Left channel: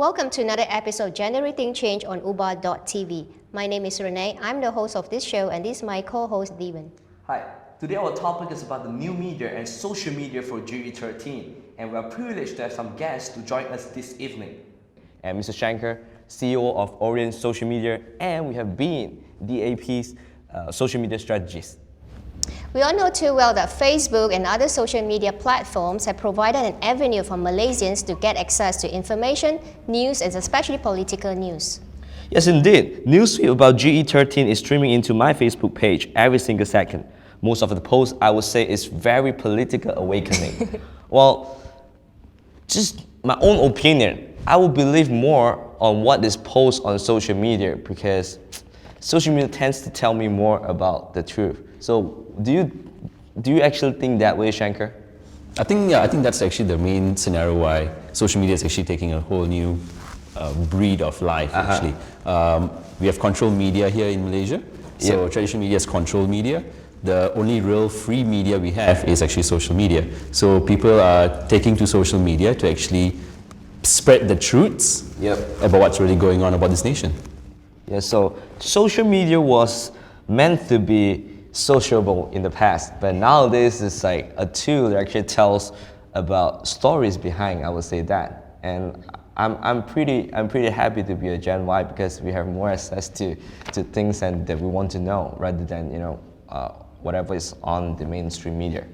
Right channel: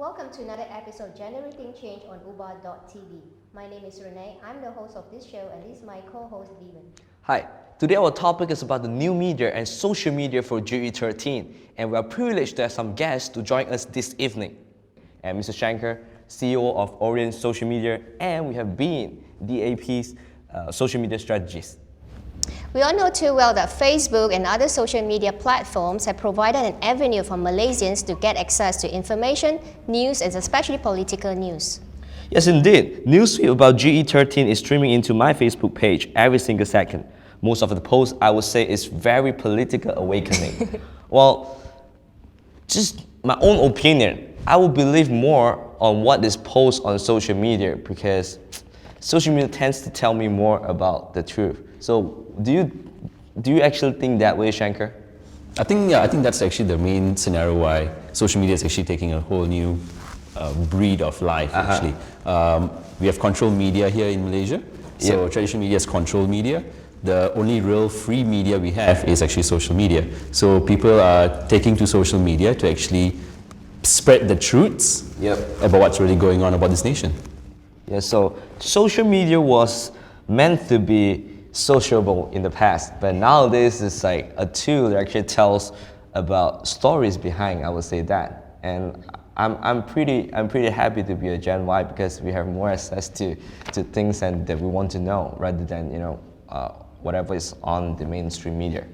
Welcome to another episode Generating Change on Uba.tv. My name is Renee. I'm the host of this show, and this is my co-host Devan. Hi. Today our topic is about the new media and social media for GE13, and we are privileged to have some guests to join us this evening. And Mr. Shanker, CEO of Orient Social Media, and we have Bean, DAP's social media strategist. We all know too well that Facebook and other social media platforms have provided an avenue for Malaysians to get access to information, news, and especially political news. Yes, indeed. Newsfeed about GE13 is streaming into my Facebook page every single second. Most of the posts, I would say, is very political awakening. Well, just my own opinion, I would believe more on what is posted on social media because social media tends to tell me more about the truth. So, do you actually think that way, Shankar? I think that's actually the main scenario why social media is actually taking a whole new breed of life. Actually, we have controlled media here in Malaysia. So traditional media is controlled media. The only real free media we have is actually social media. So people are taking to social media to actually spread the truths about what's really going on about this nation. Yeah. So social media was meant to be sociable in the past, but nowadays it's like a tool that actually tells about stories behind, I would say that. And I'm pretty happy to be a Gen Y because we have more access to things and that we want to know rather than whatever is on the mainstream media.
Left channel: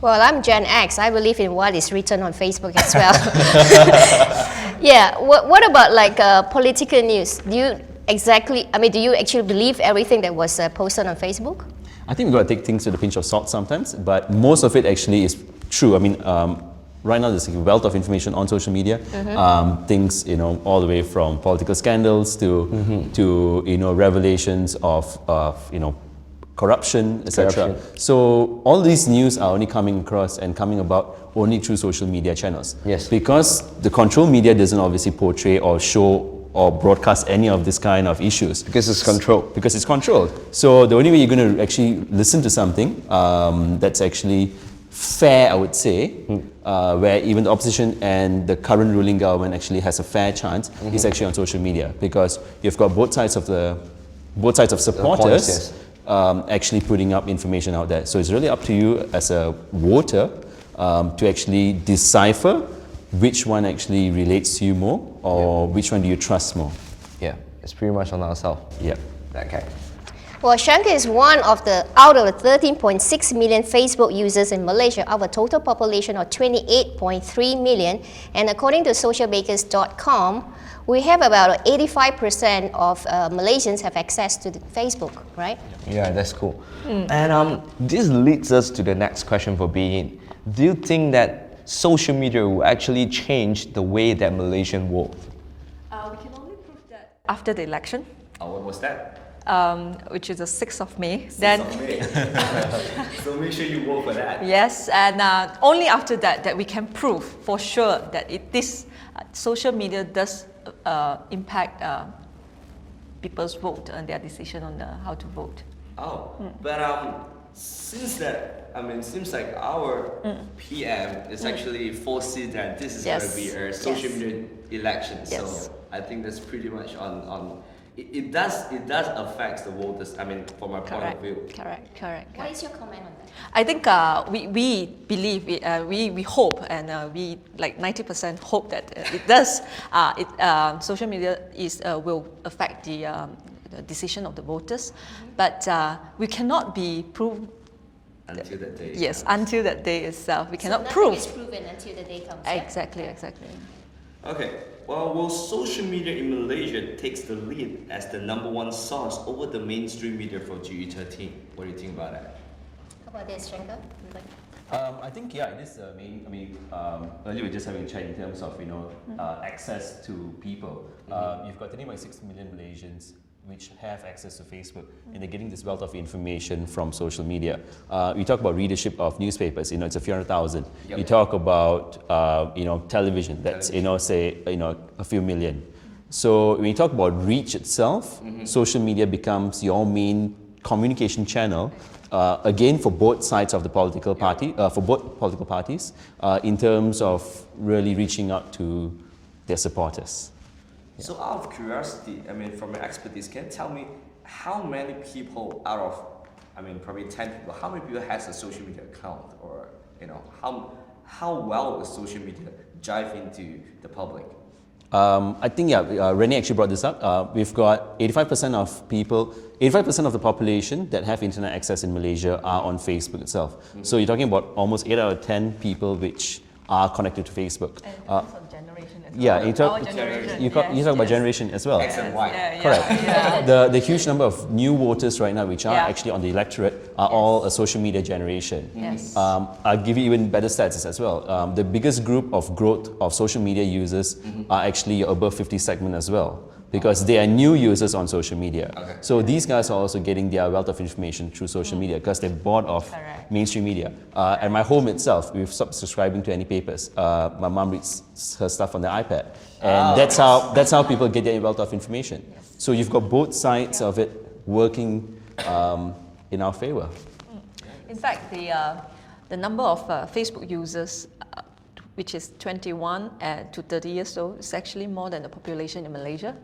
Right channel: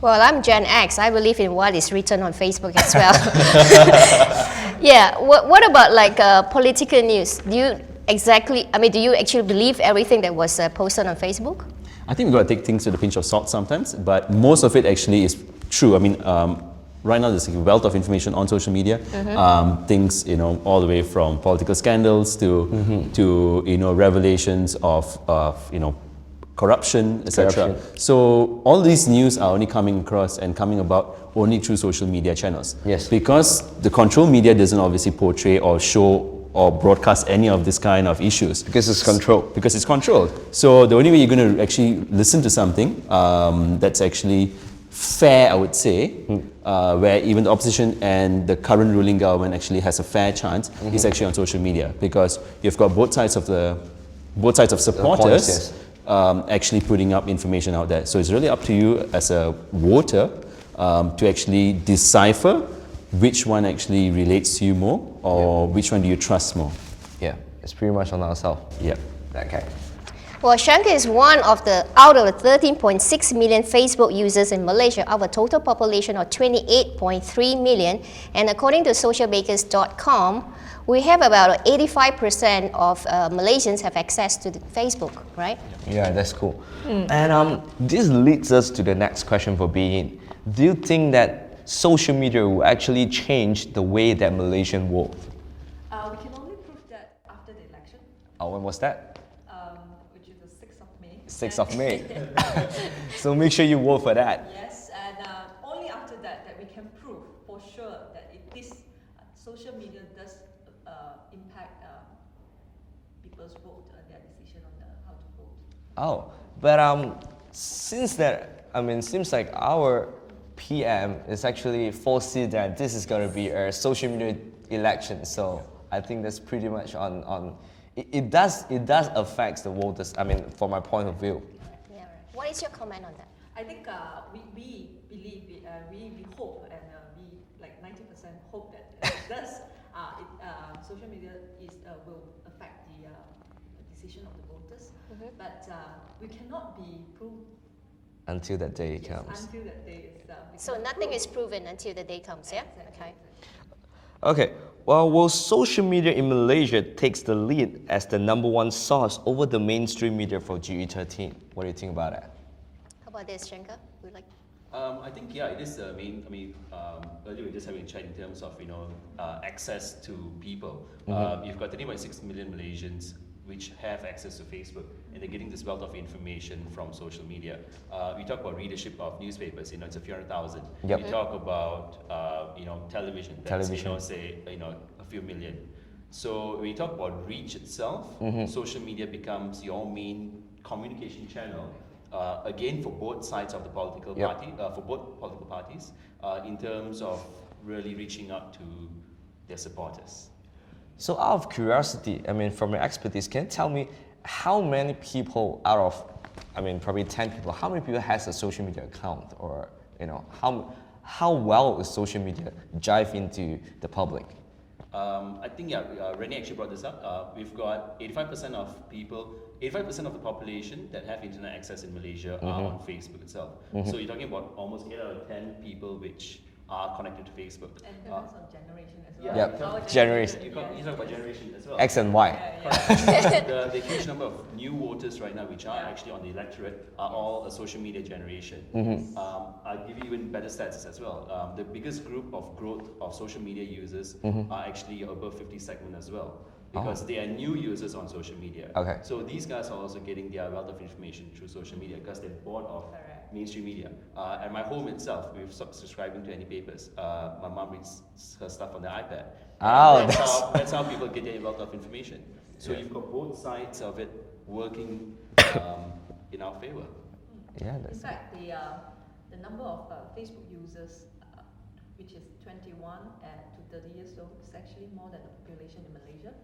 Well, I'm Gen X. I believe in what is written on Facebook as well. Yeah. What about like political news? Do you actually believe everything that was posted on Facebook? I think we've got to take things with a pinch of salt sometimes, but most of it actually is true. I mean, right now there's a wealth of information on social media. Things, all the way from political scandals to revelations of corruption, etc. So all these news are only coming across and coming about only through social media channels. Yes. Because the control media doesn't obviously portray or show or broadcast any of this kind of issues. Because it's controlled. Because it's controlled. So the only way you're going to actually listen to something that's actually fair, I would say, where even the opposition and the current ruling government actually has a fair chance, is actually on social media, because you've got both sides of supporters actually putting up information out there. So it's really up to you as a voter to actually decipher which one actually relates to you more, or which one do you trust more. Yeah, it's pretty much on ourselves. Yeah. Okay. Well, Shankar is one of the out of the 13.6 million Facebook users in Malaysia, out of a total population of 28.3 million. And according to socialbakers.com, we have about 85% of Malaysians have access to Facebook, right? Yeah, that's cool. And this leads us to the next question for Being. Do you think that social media will actually change the way that Malaysians vote? We can only prove that after the election, When was that? which is the 6th of May. 6th of May. So make sure you vote for that. Yes, and only after that we can prove for sure that this social media does impact people's vote and their decision on how to vote. But since that, seems like our PM is actually foresee that this is going to be a social media election. So I think that's pretty much on. It does affect the voters. From my point of view. Correct. What is your comment on that? I think we believe, we hope, and we like 90% hope that it does. Social media will affect the decision of the voters, but we cannot be proved. Until that day. Yes, comes. until that day itself, we cannot nothing prove. is proven until the day comes. Exactly. Okay. Well, social media in Malaysia takes the lead as the #1 source over the mainstream media for GE13. What do you think about that? How about this, Shankar? I think it is the main. Earlier we were just having a chat in terms of access to people. You've got 30.6 million Malaysians which have access to Facebook, and they're getting this wealth of information from social media. We talk about readership of newspapers. It's a few 100,000. Yep. We talk about television. That's say a few million. So when you talk about reach itself, social media becomes your main communication channel. Again, for both sides of the political party, for both political parties, in terms of really reaching out to their supporters. So out of curiosity, I mean, from your expertise, can you tell me how many people out of, I mean, probably 10 people, how many people has a social media account, or how well is social media jive into the public? I think, Renee actually brought this up. We've got 85% of people, 85% of the population that have internet access in Malaysia are on Facebook itself. So you're talking about almost 8 out of 10 people which are connected to Facebook. And also generation as well. Yeah, you talk, Our generation, you talk about generation as well. X and Y. Correct. The huge number of new voters right now, which are actually on the electorate, are all a social media generation. Yes. I'll give you even better stats as well. The biggest group of growth of social media users are actually above 50 segment as well, because they are new users on social media. Okay. So these guys are also getting their wealth of information through social media because they're bored of mainstream media. At my home itself, we've stopped subscribing to any papers. My mom reads her stuff on the iPad. And that's how people get their wealth of information. So you've got both sides of it working in our favor. In fact, the number of Facebook users, which is 21 to 30 years old, is actually more than the population in Malaysia,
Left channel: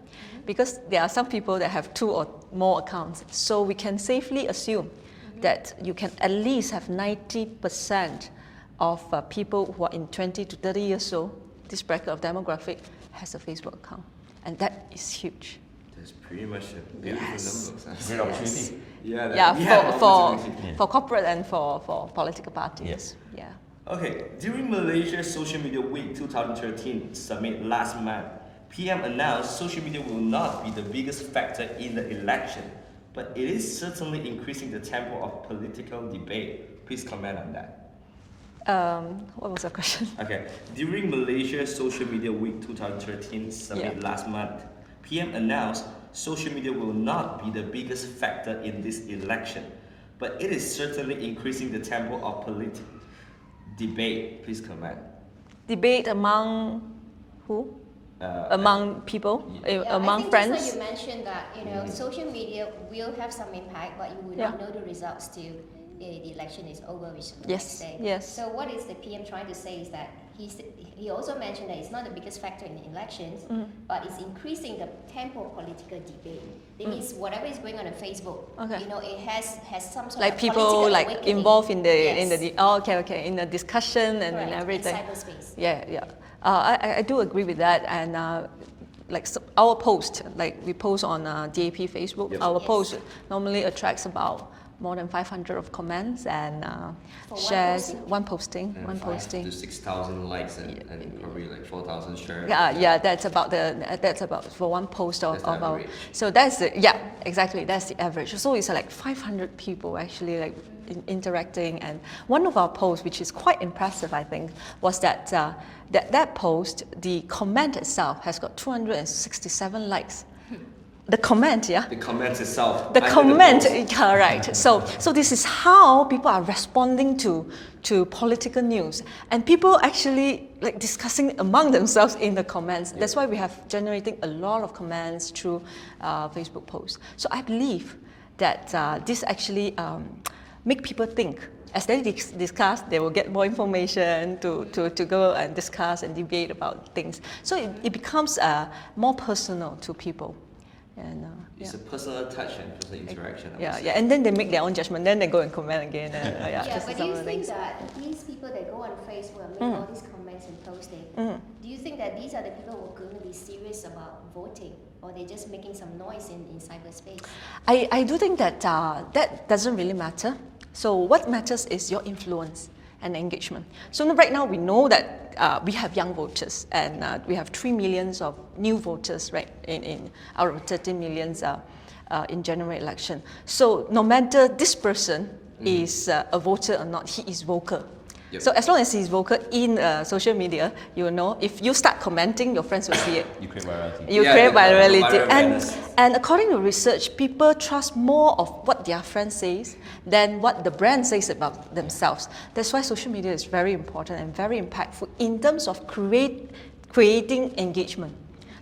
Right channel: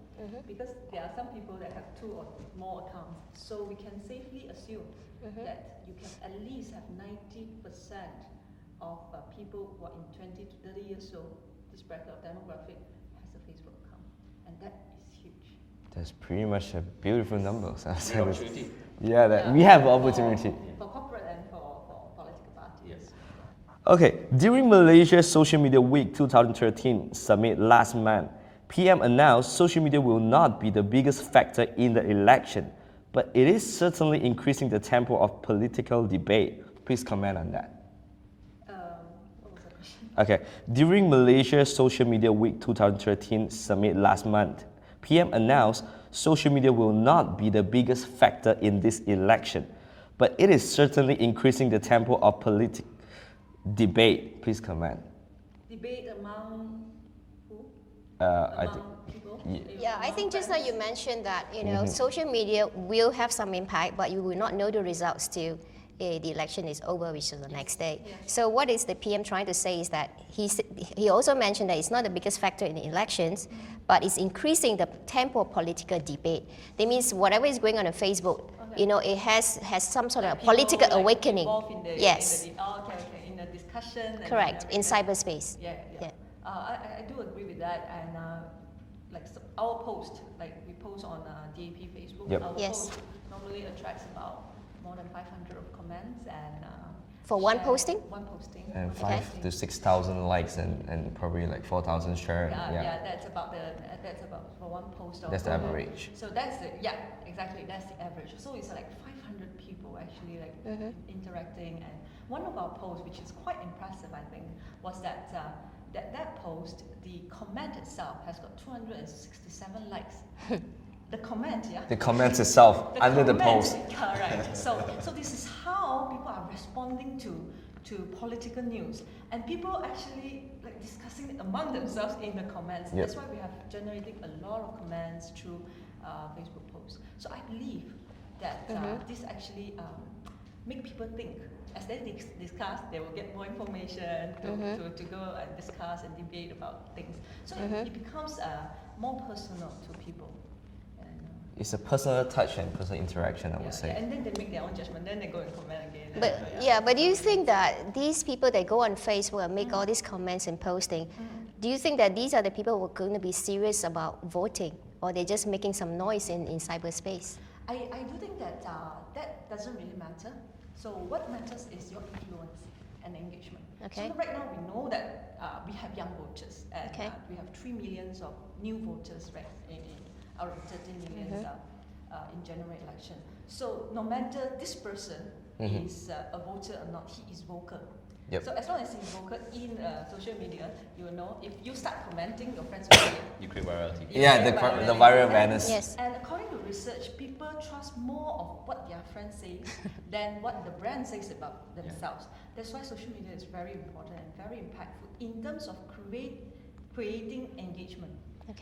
because there are some people that have 2 or more accounts. So we can safely assume that you can at least have 90% of people who are in 20 to 30 years old, this bracket of demographic, has a Facebook account. And that is huge. That's pretty much a beautiful Yes. number. Yes. Yeah, we have for, opportunity. for corporate and for political parties. Yes. Yeah. Okay, during Malaysia's Social Media Week 2013 summit last month, PM announced social media will not be the biggest factor in the election, but it is certainly increasing the tempo of political debate. Please comment on that. What was the question? Okay, during Malaysia's Social Media Week 2013 summit last month, PM announced social media will not be the biggest factor in this election, but it is certainly increasing the tempo of political debate. Please comment. Debate among who? Among people? Among I think friends? just like you mentioned that, social media will have some impact, but you will not know the results till the election is over, which is the next day. Yes. So what is the PM trying to say is that he also mentioned that it's not the biggest factor in the elections, but it's increasing the tempo of political debate. That means whatever is going on Facebook, it has some sort like of people political like awakening. involved in the Yes. in the discussion and Correct, in everything. cyberspace. Yeah. I do agree with that, and our post, like we post on DAP Facebook, our Yes. post normally attracts about more than 500 of comments and For one shares. posting? One posting. And One 5 posting. to 6,000 likes and probably like 4,000 shares. Yeah, that's about for one post of That's the our. average. So that's exactly, that's the average. So it's like 500 people actually like interacting, and one of our posts, which is quite impressive, I think, was that that post, the comment itself has got 267 likes. The comment, The comments itself. The under comment, post. correct. So this is how people are responding to political news, and people actually like discussing among themselves in the comments. That's why we have generating a lot of comments through Facebook posts. So I believe that this actually make people think. As they discuss, they will get more information to go and discuss and debate about things. So it becomes more personal to people. And, It's a personal touch and personal interaction, I would say. and then they make their own judgment. Then they go and comment again. But do you think that these people that go on Facebook and make all these comments and posting, do you think that these are the people who are going to be serious about voting, or they're just making some noise in cyberspace? I do think that that doesn't really matter. So what matters is your influence and engagement. So right now we know that we have young voters, and we have 3 million of new voters, right, in out of 13 million in general election. So no matter this person is a voter or not, he is vocal. So as long as he's vocal in social media, you know, if you start commenting, your friends will see it. You create virality. You create virality. viral awareness. And according to research, people trust more of what their friend says than what the brand says about themselves. That's why social media is very important and very impactful in terms of creating engagement.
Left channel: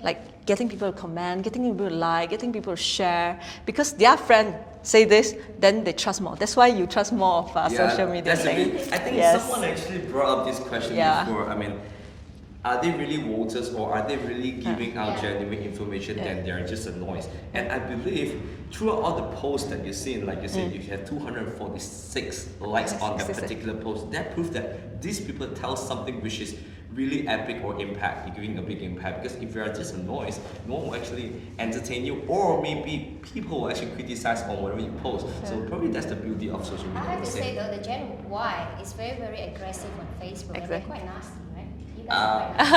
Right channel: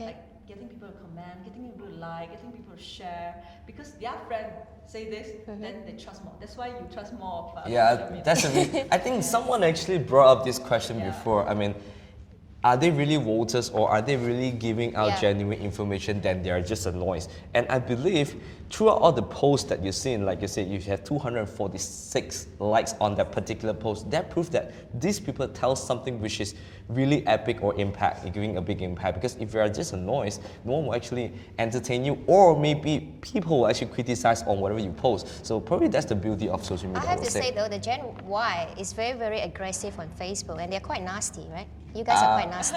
Like getting people to comment, getting people to like, getting people to share, because their friend say this, then they trust more. That's why you trust more of social media. I think someone actually brought up this question before. I mean, are they really voters or are they really giving out Yeah. genuine information that they are just a noise? And I believe throughout all the posts that you've seen, like you said, you had 246 likes on that particular post. That proves that these people tell something which is really epic or impact, giving a big impact. Because if you are just a noise, no one will actually entertain you, or maybe people will actually criticize on whatever you post. So probably that's the beauty of social media. I have would to say though, the Gen Y is very, very aggressive on Facebook, and they're quite nasty, right? You guys are quite nasty.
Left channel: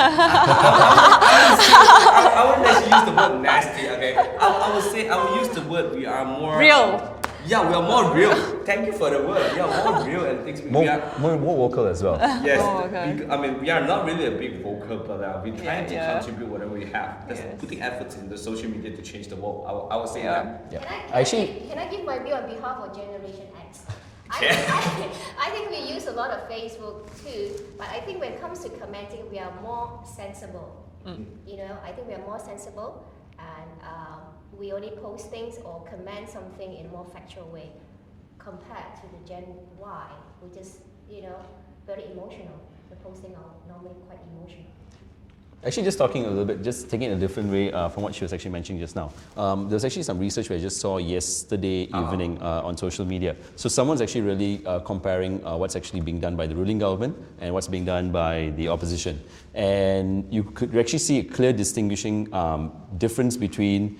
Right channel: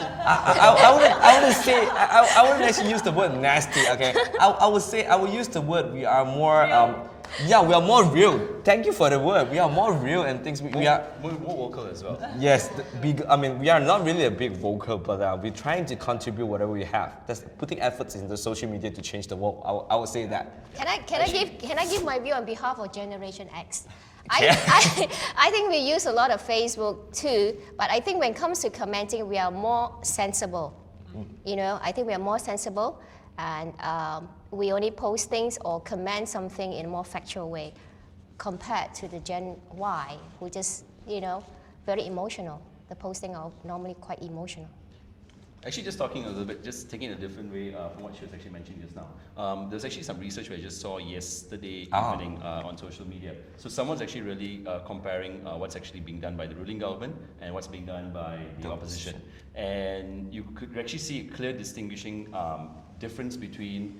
I wouldn't actually use the word nasty, okay? I would use the word we are more... Real. Yeah, we are more real. Thank you for the word. We are more real and things. We are... More vocal as well. Yes, okay. I mean, we are not really a big vocal, but we're trying to contribute whatever we have. That's putting efforts into social media to change the world. I would say that. Can I give my view on behalf of Generation X? I think we use a lot of Facebook too, but I think when it comes to commenting, we are more sensible. You know, I think we are more sensible, and we only post things or comment something in a more factual way compared to the Gen Y, who just, you know, very emotional. The posting are normally quite emotional. Actually, just talking a little bit, just taking it a different way from what she was actually mentioning just now. There's actually some research we just saw yesterday evening on social media. So someone's actually really comparing what's actually being done by the ruling government and what's being done by the opposition. And you could actually see a clear distinguishing difference between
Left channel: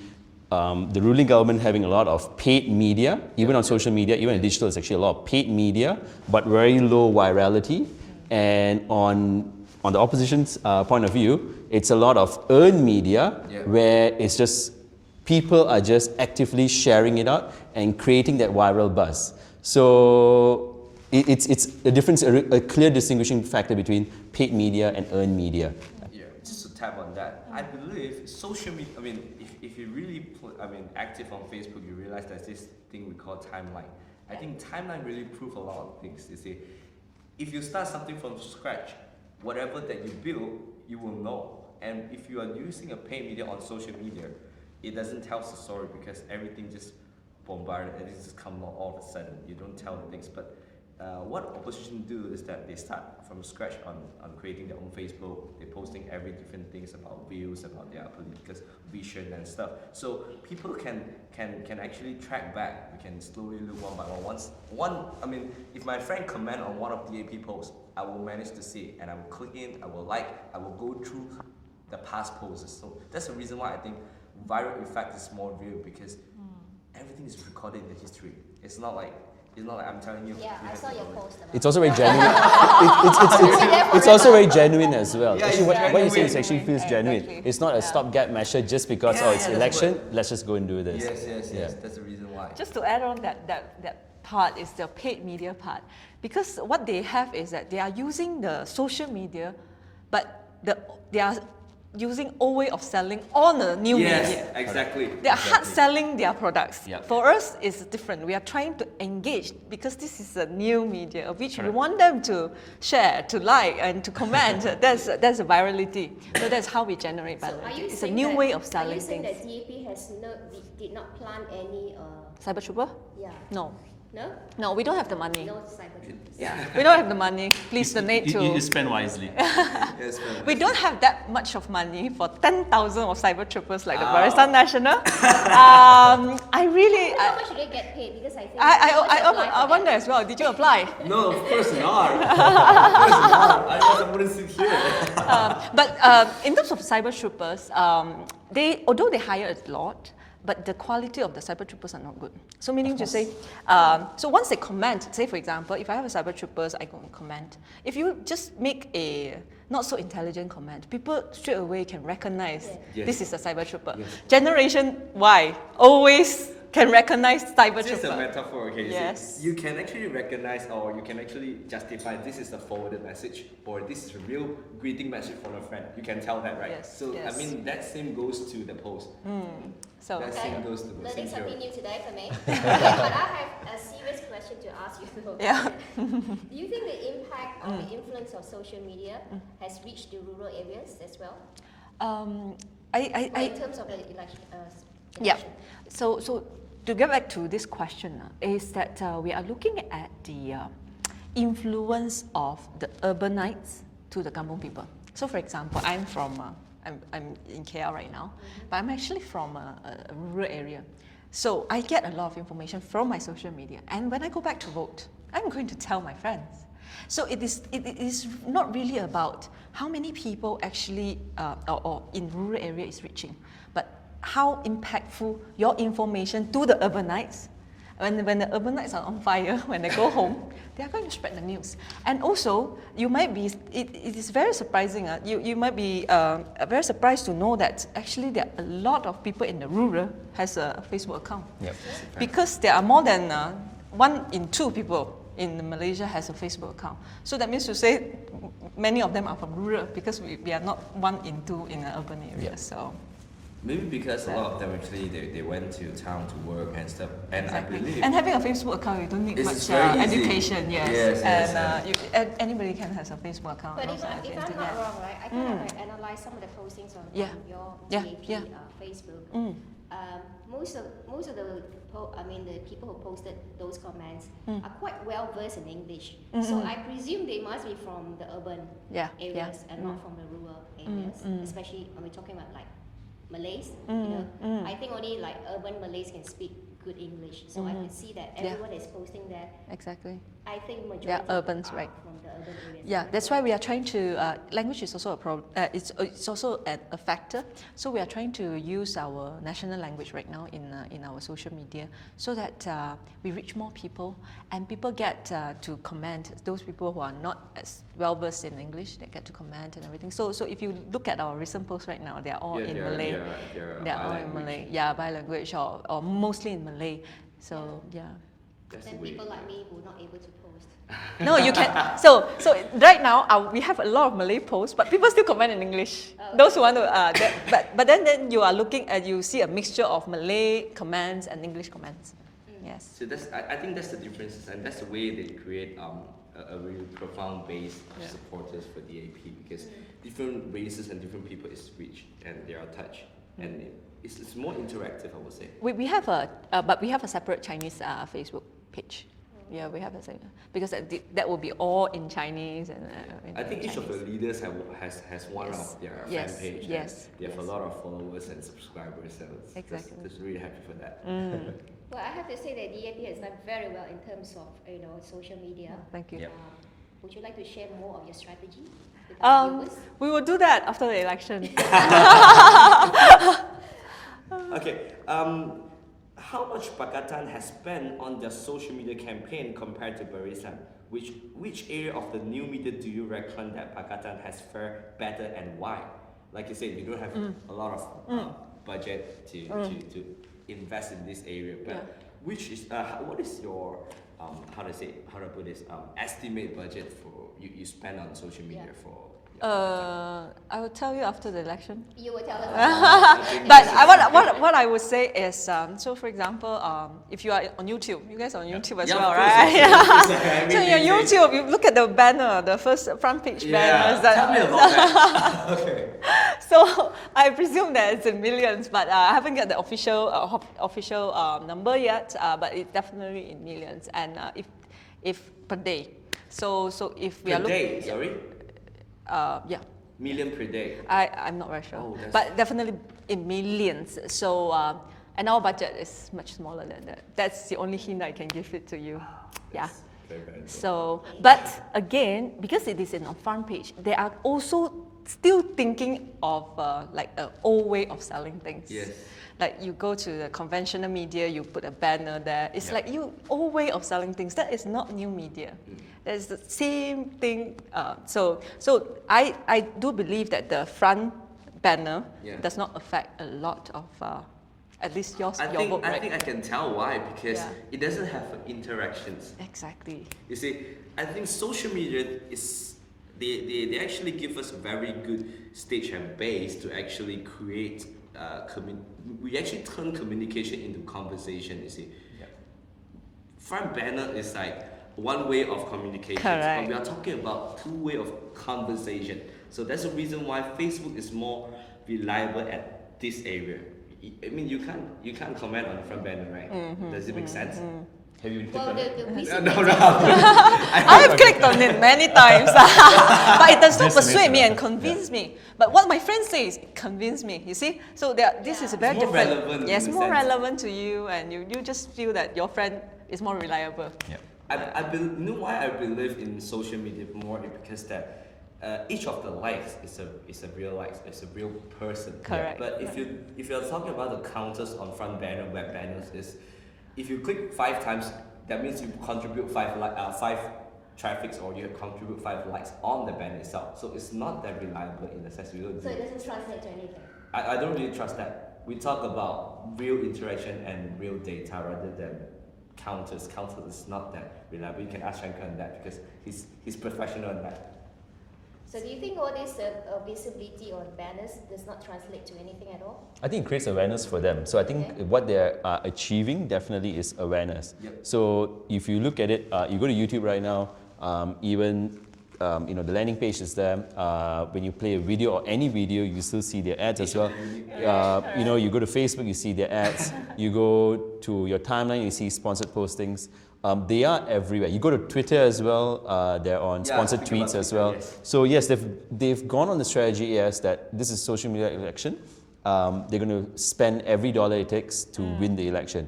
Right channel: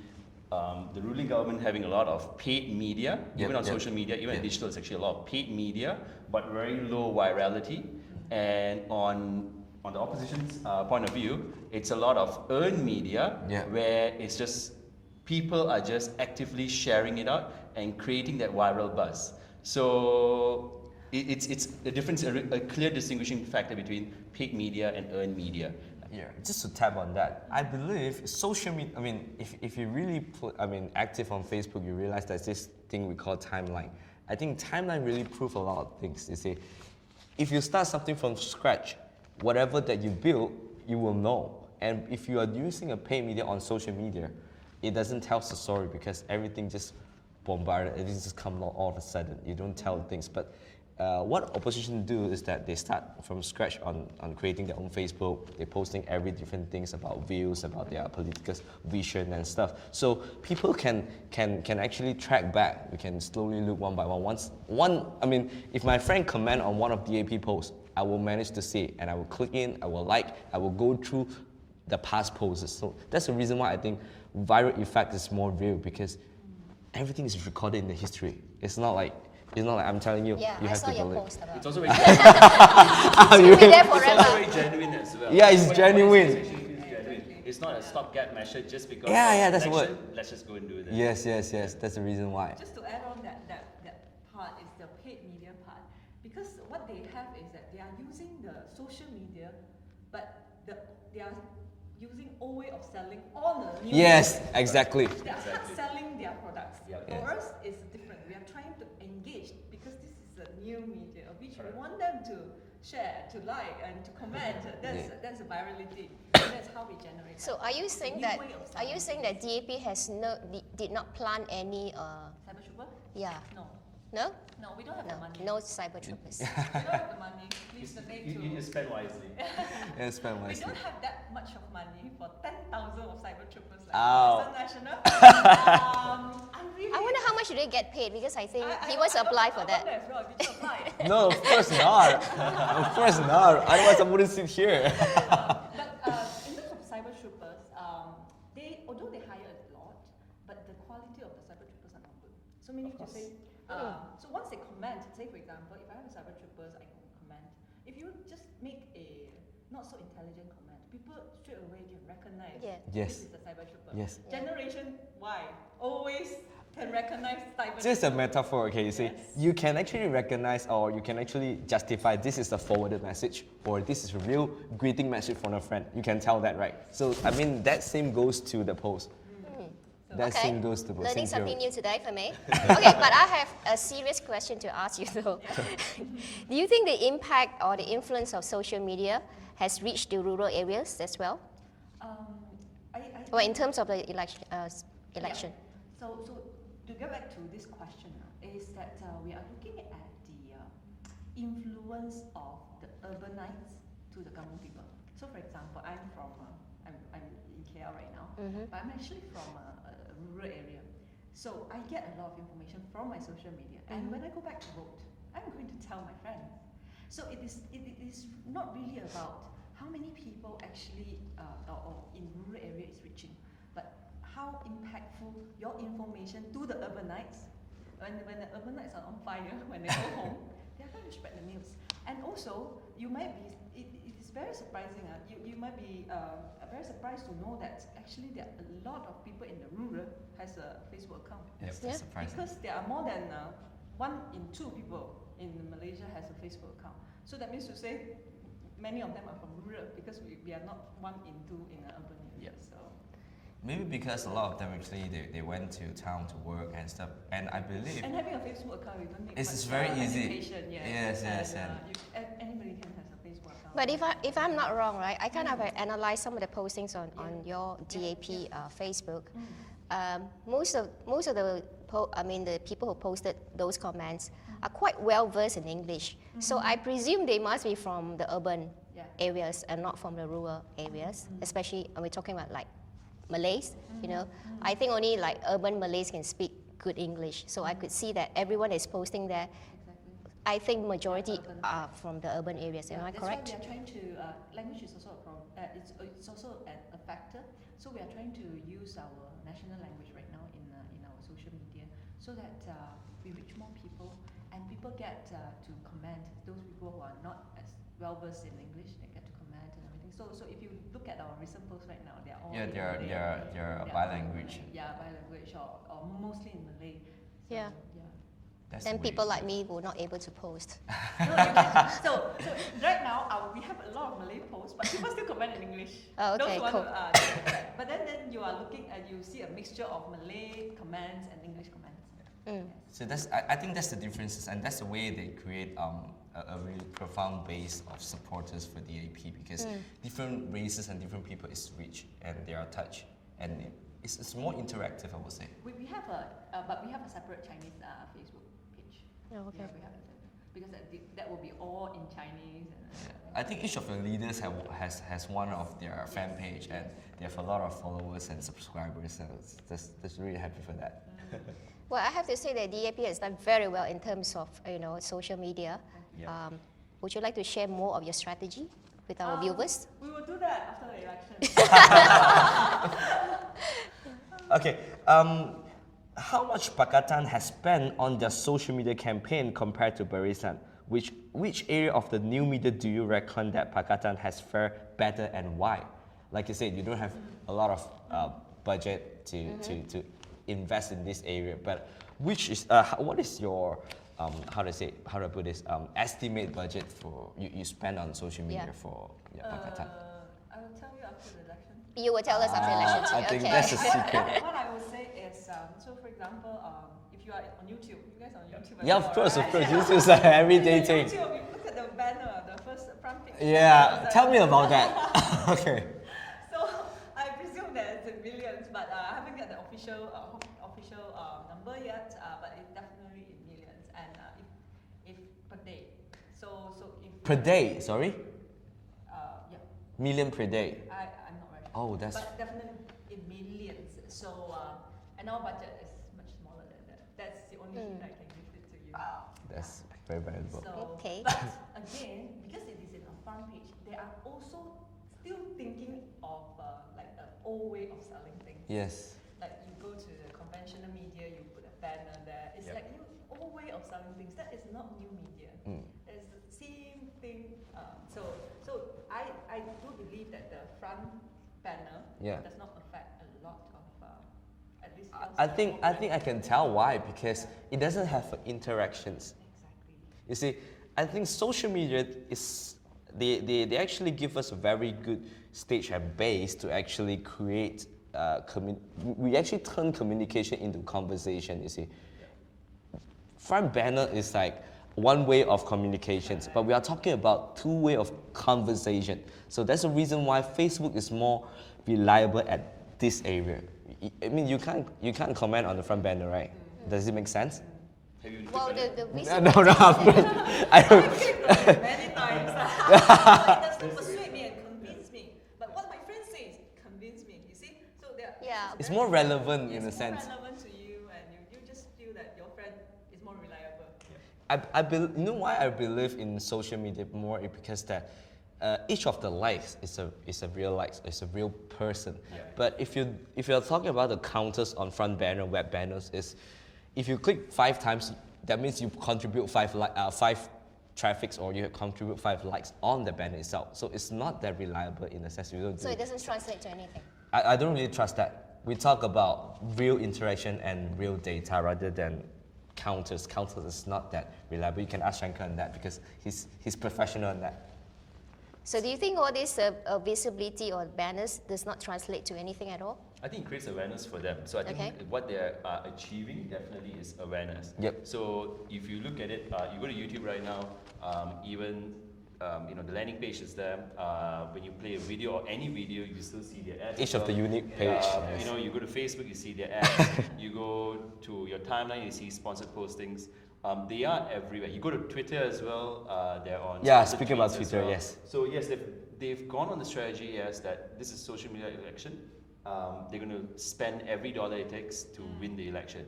the ruling government having a lot of paid media, even on social media, even in digital, it's actually a lot of paid media, but very low virality. And on the opposition's point of view, it's a lot of earned media where it's just people are just actively sharing it out and creating that viral buzz. So it's a difference, a clear distinguishing factor between paid media and earned media. Yeah, just to tap on that, I believe social media, I mean, if you really active on Facebook, you realize there's this thing we call timeline. I think timeline really proves a lot of things. You see, if you start something from scratch, whatever that you build, you will know. And if you are using a paid media on social media, it doesn't tell the story because everything just bombarded, everything just comes out all of a sudden. You don't tell things. But what opposition do is that they start from scratch on creating their own Facebook. They're posting every different things about views, about their political vision and stuff. So people can actually track back. We can slowly look one by one. I mean, if my friend comment on one of DAP posts, I will manage to see it, and I will click in, I will like, I will go through the past posts. So that's the reason why I think viral effect is more real, because everything is recorded in the history. It's not like I'm telling you. Yeah, you I have saw to your go post about It's also very genuine. It's also very genuine as well. Yeah, it's What you genuine. say, it actually feels genuine. Exactly. It's not a stopgap measure just because Yeah, it's yeah, that's election. what- Let's just go and do this. Yes. That's the reason why. Just to add on that part is the paid media part. Because what they have is that they are using the social media, but they are using old way of selling on a new media. Exactly. They are hard selling their products. Yep. For us, it's different. We are trying to engage because this is a new media, which we want them to share, to like, and to comment. That's a virality. So that's how we generate So virality. are you It's a saying new that, way of selling Are you saying things. that DAP did not plan any? Cyber Trooper? Yeah. No. No. No, we don't have the money. No cyber troopers. We don't have the money. Please donate to. You spend wisely. We don't have that much of money for 10,000 of cyber troopers like the Barisan National. I really. I wonder how much do they get paid? Because I think they always apply for I that. wonder as well. Did you apply? No, of course not. Of course not. Otherwise I wouldn't sit here. But in terms of cyber troopers, although they hire a lot, but the quality of the cyber troopers are not good. So meaning to say, so once they comment, say for example, if I have a cyber troopers, I go and comment. If you just make a not so intelligent comment, people straight away can recognize this is a cyber trooper. Yes. Generation Y always can recognize cyber This is a trooper. metaphor, okay? You Yes. see, you can actually recognize, or you can actually justify this is a forwarded message, or this is a real greeting message from a friend. You can tell that, right? Yes. So I mean, that same goes to the post. So That Okay. same goes to the post. Learning Same something theory. new today for me. Okay, but I have a serious question to ask you though. yeah. Do you think the impact or the influence of social media has reached the rural areas as well? Or in terms of the election? Yeah. So to get back to this question, is that we are looking at the influence of the urbanites to the kampung people. So for example, I'm from, I'm in KL right now, but I'm actually from a rural area. So I get a lot of information from my social media. And when I go back to vote, I'm going to tell my friends. So it is not really about how many people actually, or in rural area is reaching, but how impactful your information to the urbanites. When the urbanites are on fire, when they go home, they are going to spread the news. And also, you might be, it is very surprising, you might be very surprised to know that actually there are a lot of people in the rural has a Facebook account. Yep. Because there are more than 1 in 2 people in Malaysia has a Facebook account. So that means to say many of them are from rural because we are not 1 in 2 in an urban area. Yeah. So. Maybe because a lot of them actually they went to town to work and stuff, and Exactly. I believe And having a Facebook account, you don't need It's much very easy. education. Yes, Yes, and anybody can have a Facebook account. But also if have I'm not Instagram. wrong, right, I kind of analyze some of the postings on your DAP Facebook. Most of the the people who posted those comments are quite well versed in English. So I presume they must be from the urban areas and not from the rural areas. Especially we're talking about like Malays. You know, I think only like urban Malays can speak good English. So I could see that everyone is posting there. Exactly. I think majority urbans, are right. from the urban areas. Yeah, Am I that's why correct? we are trying to, language is also a problem, it's also a factor. So we are trying to use our national language right now in our social media so that we reach more people and people get to comment. Those people who are not as well versed in English, they get to comment and everything. So if you look at our recent posts right now, they are all in Malay. They're all in Malay. Yeah, by language or mostly in Malay. So yeah. That's And the way people it like me who are not able to post. No, you can. So right now we have a lot of Malay posts, but people still comment in English. Oh, Those who okay, want to, but then you are looking at, you see a mixture of Malay comments and English comments. Yes. So I think that's the difference, and that's the way they create a really profound base of supporters for DAP, because different races and different people is reached and they are touched, and it's more interactive, I would say. We have but we have a separate Chinese Facebook page. Oh, okay. Yeah, we have a separate, because that will be all in Chinese and. I think each of the leaders has one of their fan page. Yes. And they have a lot of followers and subscribers, so Exactly. that's really happy for that. Well, I have to say that DAP has done very well in terms of social media. Thank you. Yeah. Would you like to share more of your strategy with our viewers? We will do that after the election. Okay, how much Pakatan has spent on their social media campaign compared to Barisan? Which area of the new media do you reckon that Pakatan has fared better and why? Like you said, you don't have a lot of budget to invest in this area, but which is what is your how to put this estimate budget for you spend on social media for? I will tell you after the election. You will tell us after. think But what I would say is, so for example, if you are on YouTube, you guys are on YouTube as well, of course, right? It's like So everything. your YouTube, you look at the banner, the first front page banner. Yeah, is that- tell me about that. Okay. So I presume that it's in millions, but I haven't got the official number yet. But it's definitely in millions, and if per day. So if we Per are looking, day, sorry? yeah. Million per day. I'm not very sure, Oh, that's- but definitely in millions. So and our budget is much smaller than that. That's the only hint I can give it to you. Yeah. That's very, very good. So, Okay. but again, because it is in a front page, they are also still thinking of like an old way of selling things. Yes. Like you go to the conventional media, you put a banner there. It's like old way of selling things. That is not new media. That is the same thing. So I do believe that the front banner does not affect a lot of at least your vote, I right? think I can tell why, because Yeah. it doesn't have interactions. Exactly. You see, I think social media is they actually give us a very good stage and base to actually create. We actually turn communication into conversation. You see, front banner is like one way of communication, but Correct. we are talking about two way of conversation. So that's the reason why Facebook is more reliable at this area. I mean, you can't comment on the front banner, right? Does it make sense? Have you? Well, I've clicked on it many times, but it does not persuade me and convince me. But what my friend says convinced me. You see, so this is a very more different. relevant. Yes, in a more sense. relevant to you, and you just feel that your friend is more reliable. Yeah. You know why I believe in social media more is because that each of the likes is a real likes, it's a real person. Correct. But if you're talking about the counters on front banner, web banners, is if you click 5 times, that means you contribute 5 traffics or you contribute 5 likes on the banner itself. So it's not that reliable in the sense we don't. So it doesn't translate to anything. I don't really trust that. We talk about real interaction and real data rather than counters. Counters is not that reliable. You can ask Shankar on that because he's professional on that. So do you think all this visibility on banners does not translate to anything at all? I think it creates awareness for them. So I think what they're achieving definitely is awareness. Yep. So if you look at it, you go to YouTube right now, even the landing page is there. When you play a video or any video, you still see their ads as well. Each of the unique you go to Facebook, you see their ads. You go to your timeline, you see sponsored postings. They are everywhere. You go to Twitter as well. They're on sponsored tweets as well. Yes. So yes, they've gone on the strategy as that this is social media election. They're going to spend every dollar it takes to win the election.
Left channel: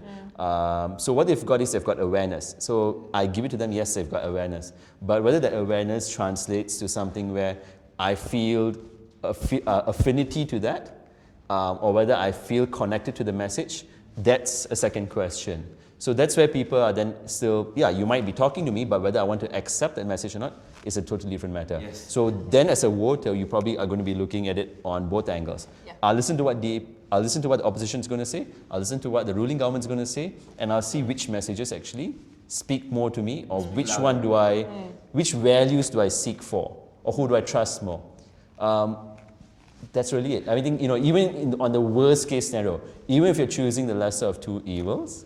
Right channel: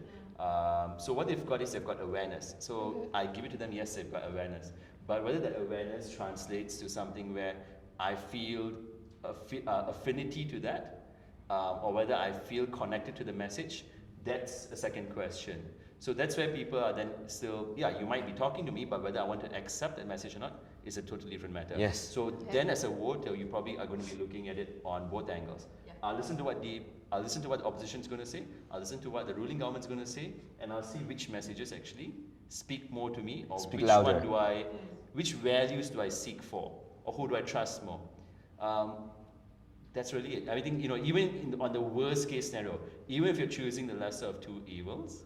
So what they've got is they've got awareness. So I give it to them. Yes, they've got awareness. But whether that awareness translates to something where I feel affinity to that, or whether I feel connected to the message, that's a second question. So that's where people are then still, you might be talking to me, but whether I want to accept that message or not is a totally different matter. Yes. So then as a voter, you probably are going to be looking at it on both angles. Yeah. I'll listen to what the opposition is going to say, I'll listen to what the ruling government is going to say, and I'll see which messages actually speak more to me, or which values do I seek for, or who do I trust more. That's really it. I think, even on the worst case scenario, even if you're choosing the lesser of two evils,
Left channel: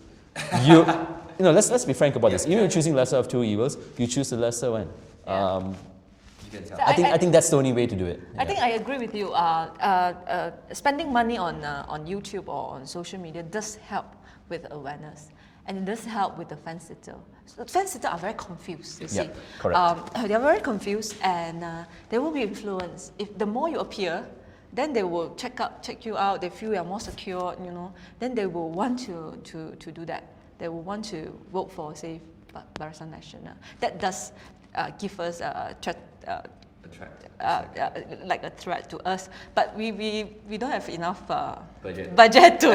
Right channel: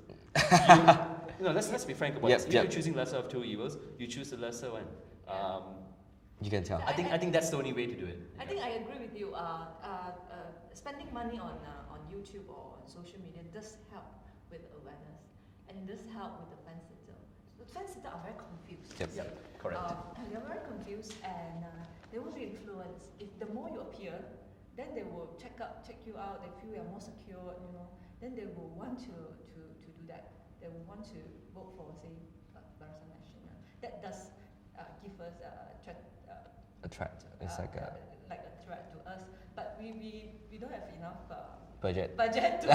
let's be frank about this. Even if you're choosing lesser of two evils, you choose the lesser one. You can tell. So I think that's the only way to do it. I think I agree with you. Spending money on YouTube or on social media does help with awareness, and it does help with the fence sitter. So the fence sitter are very confused. You see, correct. They are very confused, and they will be influenced. If the more you appear, then they will check you out. They feel you are more secure. Then they will want to do that. They will want to vote for, say, Barisan Nasional. That does give us a threat. Like a threat to us, but we don't have enough budget to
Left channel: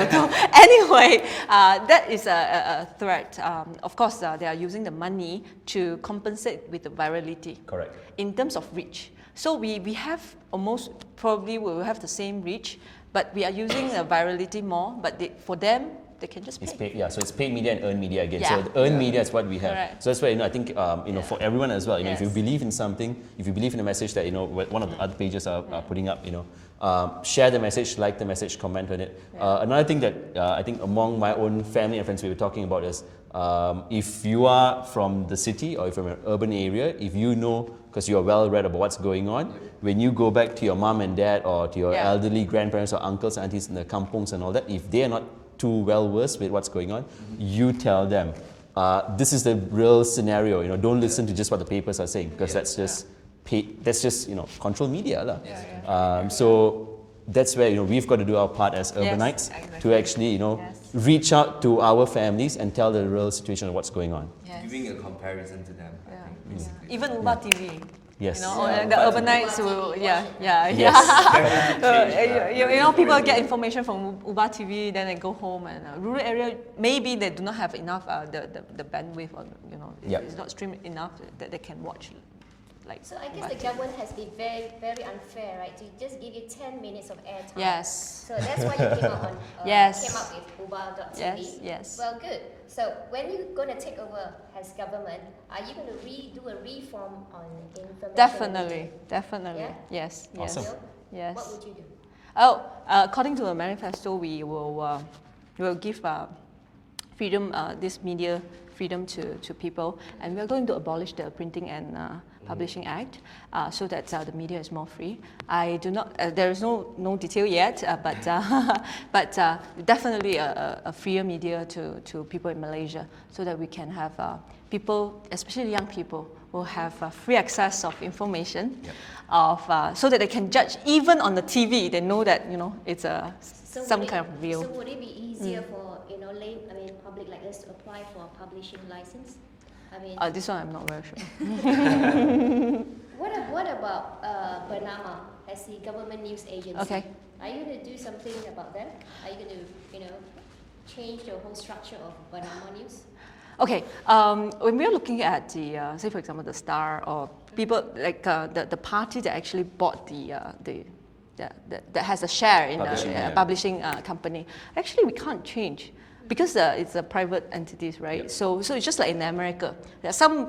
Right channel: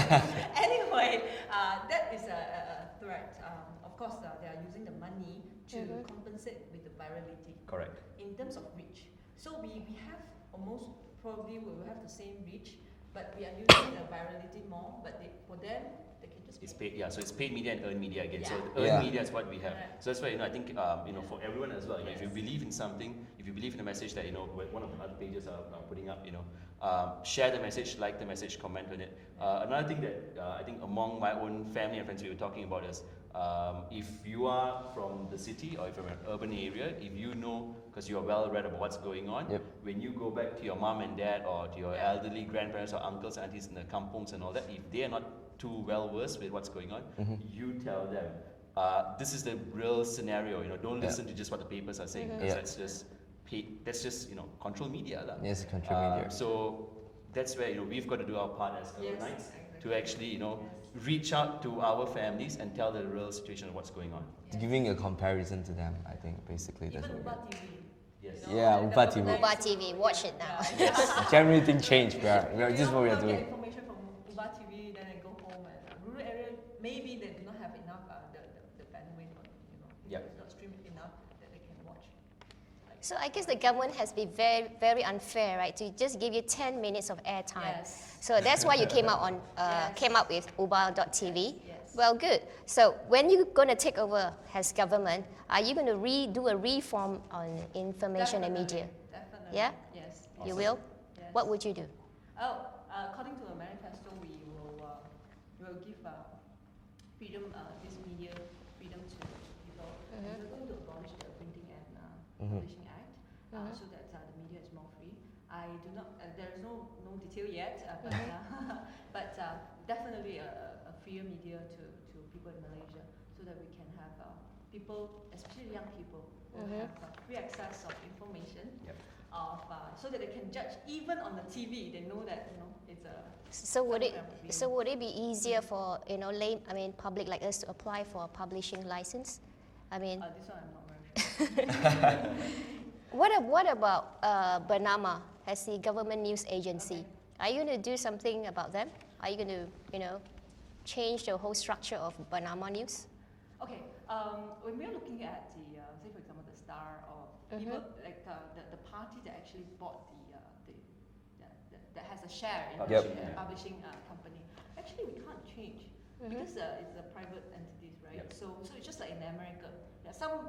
anyway. That is a threat. Of course, they are using the money to compensate with the virality. Correct. In terms of reach, so we have almost probably we will have the same reach, but we are using the virality more. But for them, they can just pay. It's paid, so it's paid media and earned media again. Yeah. So earned media is what we have. Correct. So that's why I think for everyone as well. If you Yes. believe in something, if you believe in a message that one of the other pages are putting up, share the message, like the message, comment on it. Another thing that I think among my own family and friends we were talking about is if you are from the city or if you're from an urban area, if you know, because you are well read about what's going on, when you go back to your mom and dad or to your elderly grandparents or uncles and aunties in the kampungs and all that, if they are not too well versed with what's going on, you tell them, this is the real scenario. Don't listen to just what the papers are saying, because that's just control media. Yes, so that's where we've got to do our part as urbanites to actually reach out to our families and tell the real situation of what's going on. Yes. Giving a comparison to them, I think, basically. Even Uba TV. Yes. The Uba urbanites TV, will, watch yeah, it yeah, now. yeah. Everything changed. People get information from Uba TV, then they go home, and rural area maybe they do not have enough the bandwidth, or it's not streamed enough that they can watch. So I guess the government has been very, very unfair, right? To just give you 10 minutes of airtime. Yes. So that's why you came out came up with uba.tv. Yes. Well, good. So when you're going to take over as government, are you going to do a reform on information and media? Definitely. Yeah? Yes. Awesome. You will? Yes. What would you do? According to the manifesto, we will give freedom, this media freedom to people, and we are going to abolish the Printing and Publishing Act so that the media is more free. I do not. There is no detail yet, but definitely a freer media to people in Malaysia, so that we can have people, especially young people, will have free access of information, so that they can judge even on the TV. They know that it's some kind of real. So would it be easier for public like us to apply for a publishing license? I mean, this one I'm not very sure. What about Bernama as the government news agency? Okay. Are you going to do something about them? Are you going to change the whole structure of Bernama News? Okay, when we're looking at the, say for example, the Star or people like the party that actually bought that has a share in a publishing company, actually we can't change because it's a private entities, right? Yep. So it's just like in America, some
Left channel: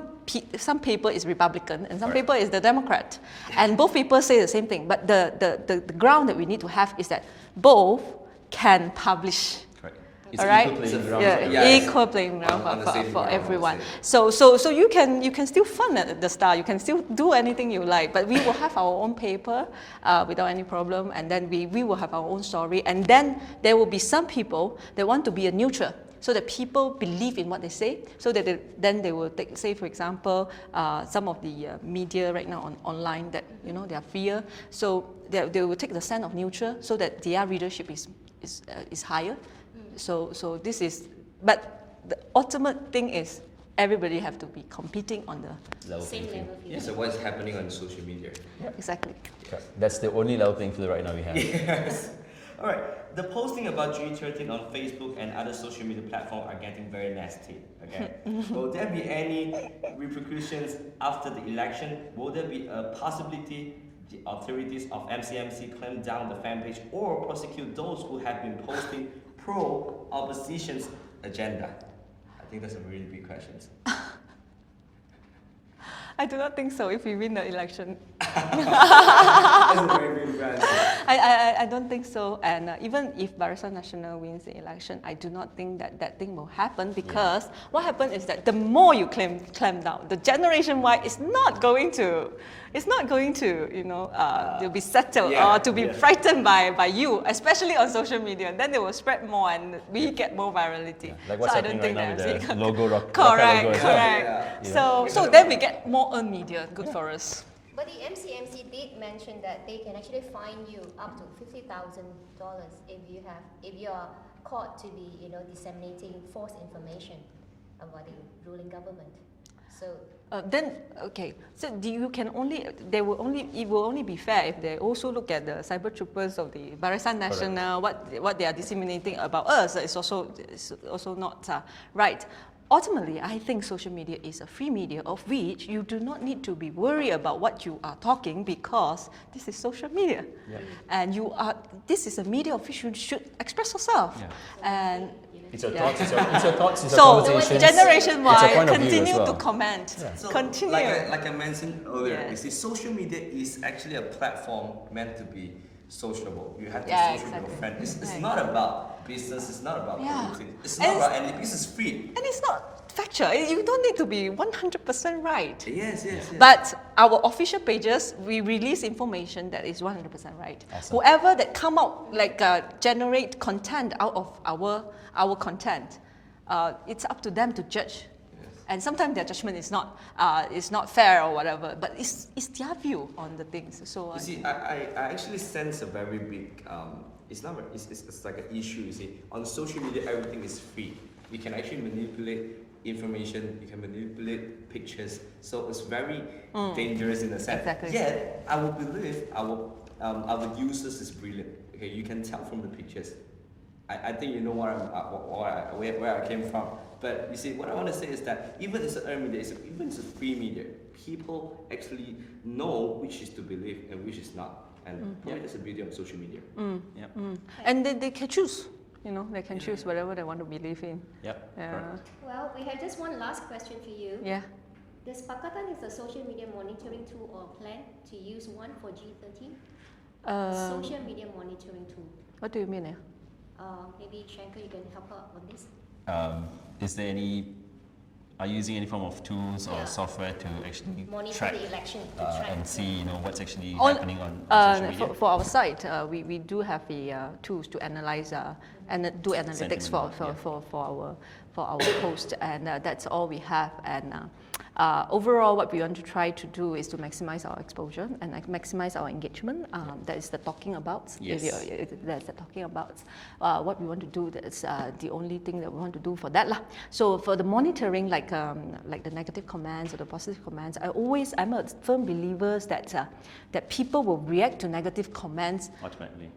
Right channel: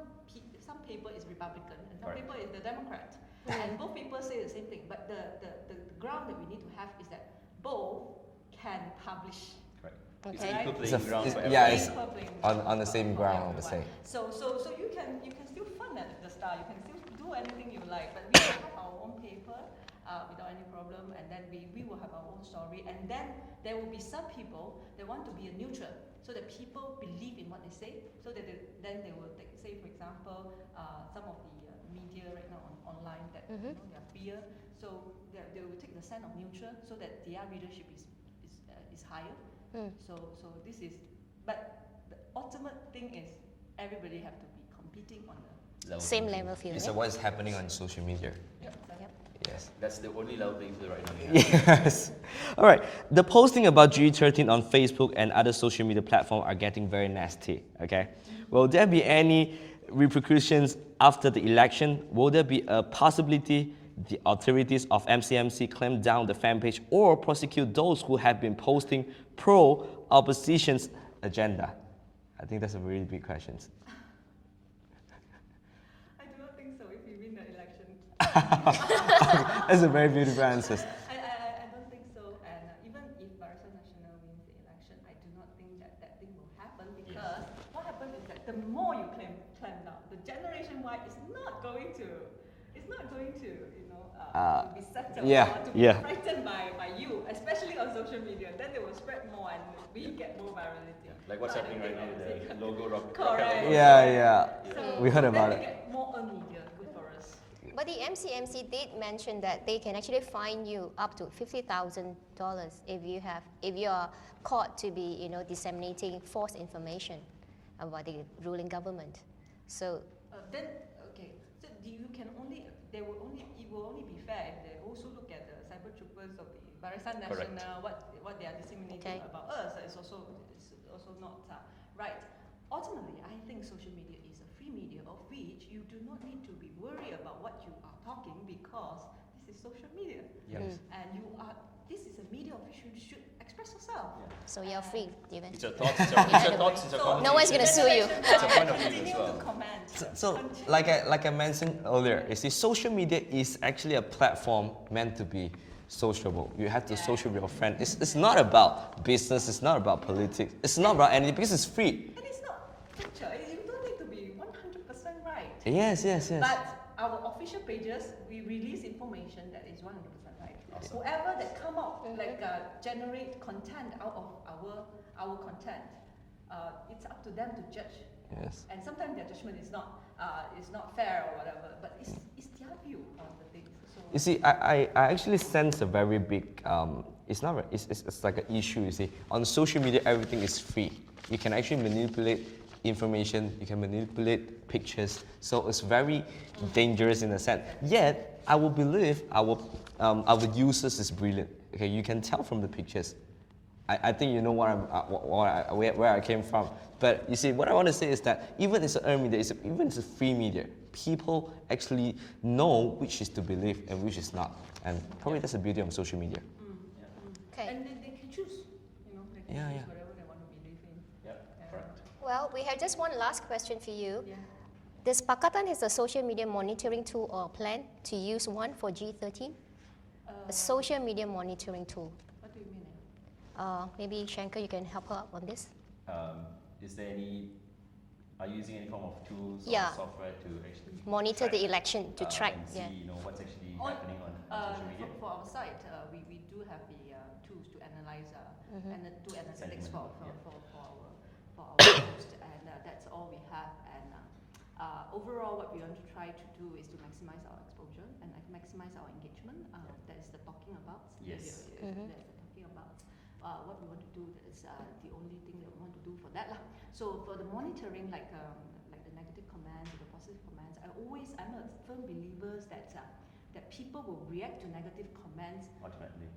paper is Republican and some paper is the Democrat, and both people say the same thing. But the ground that we need to have is that both can publish. It's all right, equal playing ground. Equal playing ground for everyone. So you can still fund at the Star. You can still do anything you like, but we will have our own paper without any problem, and then we will have our own story, and then there will be some people that want to be a neutral, so that people believe in what they say, so that then they will take, say for example, some of the media right now online that they are freer, so they will take the stand of neutral, so that their readership is higher. So this is, but the ultimate thing is everybody have to be competing on the same level field. So what's happening on social media? Exactly. Yes. That's the only level playing field right now we have. Yes. All right. The posting about GE13 on Facebook and other social media platforms are getting very nasty. Okay. Will there be any repercussions after the election? Will there be a possibility the authorities of MCMC clamp down the fan page or prosecute those who have been posting pro-opposition's agenda? I think that's a really big question. I do not think so if we win the election. That's a very beautiful answer. I don't think so, and even if Barisan Nasional wins the election, I do not think that thing will happen, because what happens is that the more you clamp down, the generation Y is not going to to be settled or to be frightened by you, especially on social media. Then they will spread more, and we get more virality. Like what's happening right now with the logo rock. Correct. Correct. So then we get more earned media. Good for us. But the MCMC did mention that they can actually fine you up to $50,000 if you are caught to be disseminating false information about the ruling government. So so it will only be fair if they also look at the cyber troopers of the Barisan Nasional, what they are disseminating about us is also not right. Ultimately, I think social media is a free media of which you do not need to be worried about what you are talking, because this is social media, and this is a media of which you should express yourself. So And It's your thoughts, it's your thoughts, it's your so conversations. generation It's a Y point of view as continue well. to comment. So, Continue. like I mentioned earlier, you see, social media is actually a platform meant to be sociable. You have to social with your friend. It's not about business. It's not about politics. It's not about anything, because it's free. And it's not factual. You don't need to be 100% right. Yes. But our official pages, we release information that is 100% right. Awesome. Whoever that come out, generate content out of our content, it's up to them to judge. Yes. And sometimes their judgment is not fair or whatever, but it's their view on the things. So You see, I actually sense a very big. It's like an issue. You see, on social media, everything is free. You can actually manipulate information. You can manipulate pictures. So it's very dangerous in a sense. Exactly. Yet, I will believe our users is brilliant. Okay, you can tell from the pictures. I think you know where I came from. But you see, what I want to say is that even as an earned media, even as a free media, people actually know which is to believe and which is not. And probably that's the beauty of social media. And they can choose. They can choose whatever they want to believe in. well, we have just one last question for you. Yeah. Does Pakatan has a social media monitoring tool or plan to use one for G13? A social media monitoring tool. What do you mean? Maybe Shankar, you can help her on this. Is there any are you using any form of tools or Yeah. software to actually Monitor track, the election, to track, and see, yeah. you know, what's actually On- happening on social media? For our site, we do have the tools to analyze and do analytics for our post, and that's all we have. And overall, what we want to try to do is to maximize our exposure and maximize our engagement. That is the talking about. Yes. That's the talking about. What we want to do, that's the only thing that we want to do for that lah. So for the monitoring, like the negative comments or the positive comments, I'm a firm believer that people will react to negative comments Automatically.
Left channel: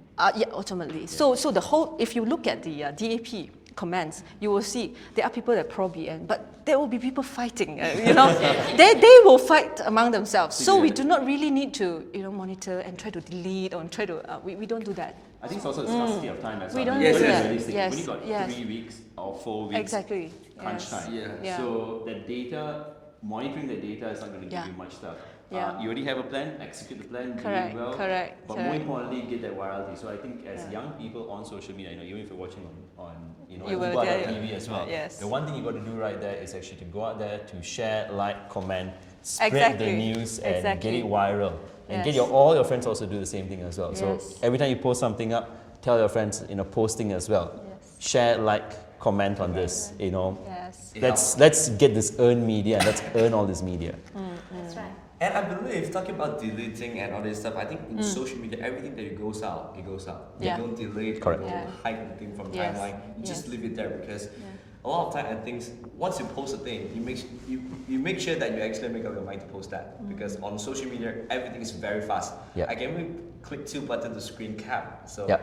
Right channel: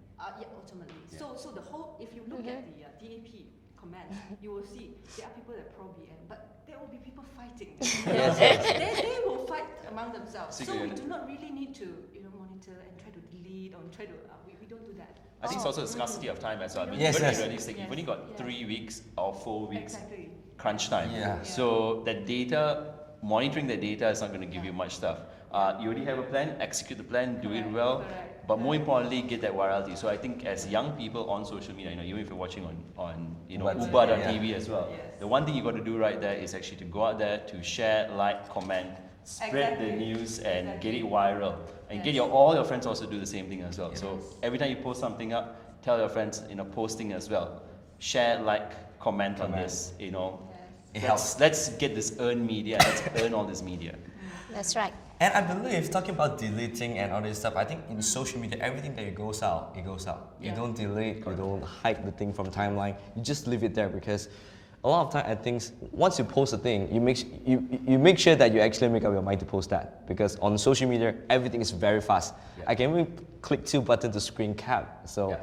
ultimately. So the whole, if you look at the DAP comments, you will see there are people that pro-BN, but there will be people fighting. You know, they will fight among themselves. So we do not really need to, you know, monitor and try to delete or try to. We don't do that. I think it's also the scarcity of time as We well. don't Yes, We're yes. not realistic. Yes, We've only got yes. 3 weeks or 4 weeks Exactly. crunch Yes. time. Yeah. So that data, monitoring the data is not going to give Yeah. you much stuff. Yeah. You already have a plan, execute the plan, do Correct, it well. correct, But more correct. importantly, get that virality. So I think as young people on social media, you know, even if you're watching on you know, You will Uba.tv get- as well, yes. the one thing you got to do right there is actually to go out there to share, like, comment, spread Exactly. the news and Exactly. get it viral. And get Yes. all your friends also do the same thing as well. So Yes. every time you post something up, tell your friends, you know, posting as well. Yes. Share, like, comment on this, you know. Yes. Let's get this earned media, let's earn all this media. That's right. And I believe, talking about deleting and all this stuff, I think in social media, everything that goes out, it goes out. Yeah. You don't delete, Correct. you don't Yeah. hide the thing from Yes. timeline. You just Yes. leave it there because a lot of time I think once you post a thing, you make sure that you actually make up your mind to post that because on social media, everything is very fast. Yeah. I can even click 2 buttons to screen cap. So, Yeah.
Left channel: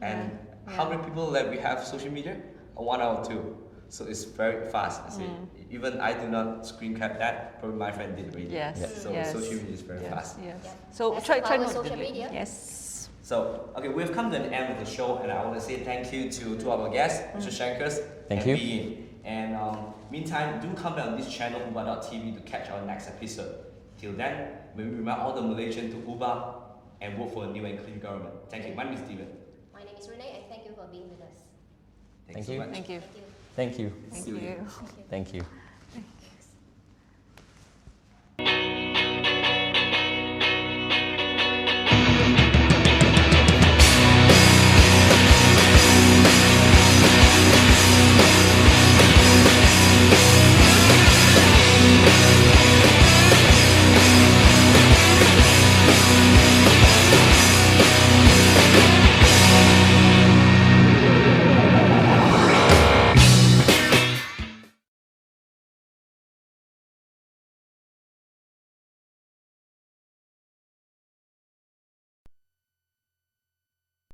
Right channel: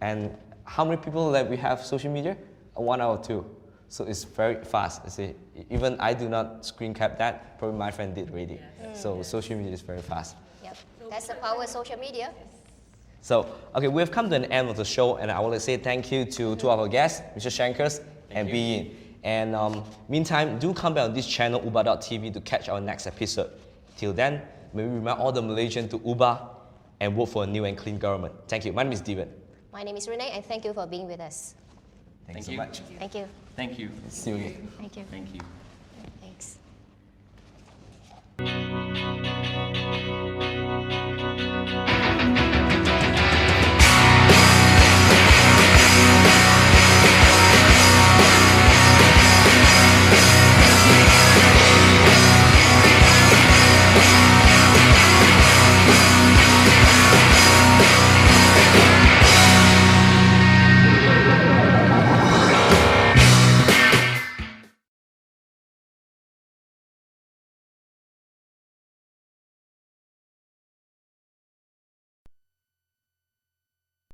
and how many people that we have social media? 1 out of 2. So it's very fast. You see, even I do not screen cap that. Probably my friend did already. Yes. So Yes. social media is very fast. Yes. Yep. So That's try the power not of to social delete. media. Yes. So, okay, we've come to an end of the show, and I want to say thank you to two of our guests, Mr. Shankers Thank and you. Bean. And meantime, do come back on this channel, Uba.tv, to catch our next episode. Till then, may we remind all the Malaysians to Uba and vote for a new and clean government. Thank you. My name is Steven. My name is Renee, and thank you for being with us. Thank you so you. much. Thank you. Thank you. Thank you. Thank you. Thank you. Thank you.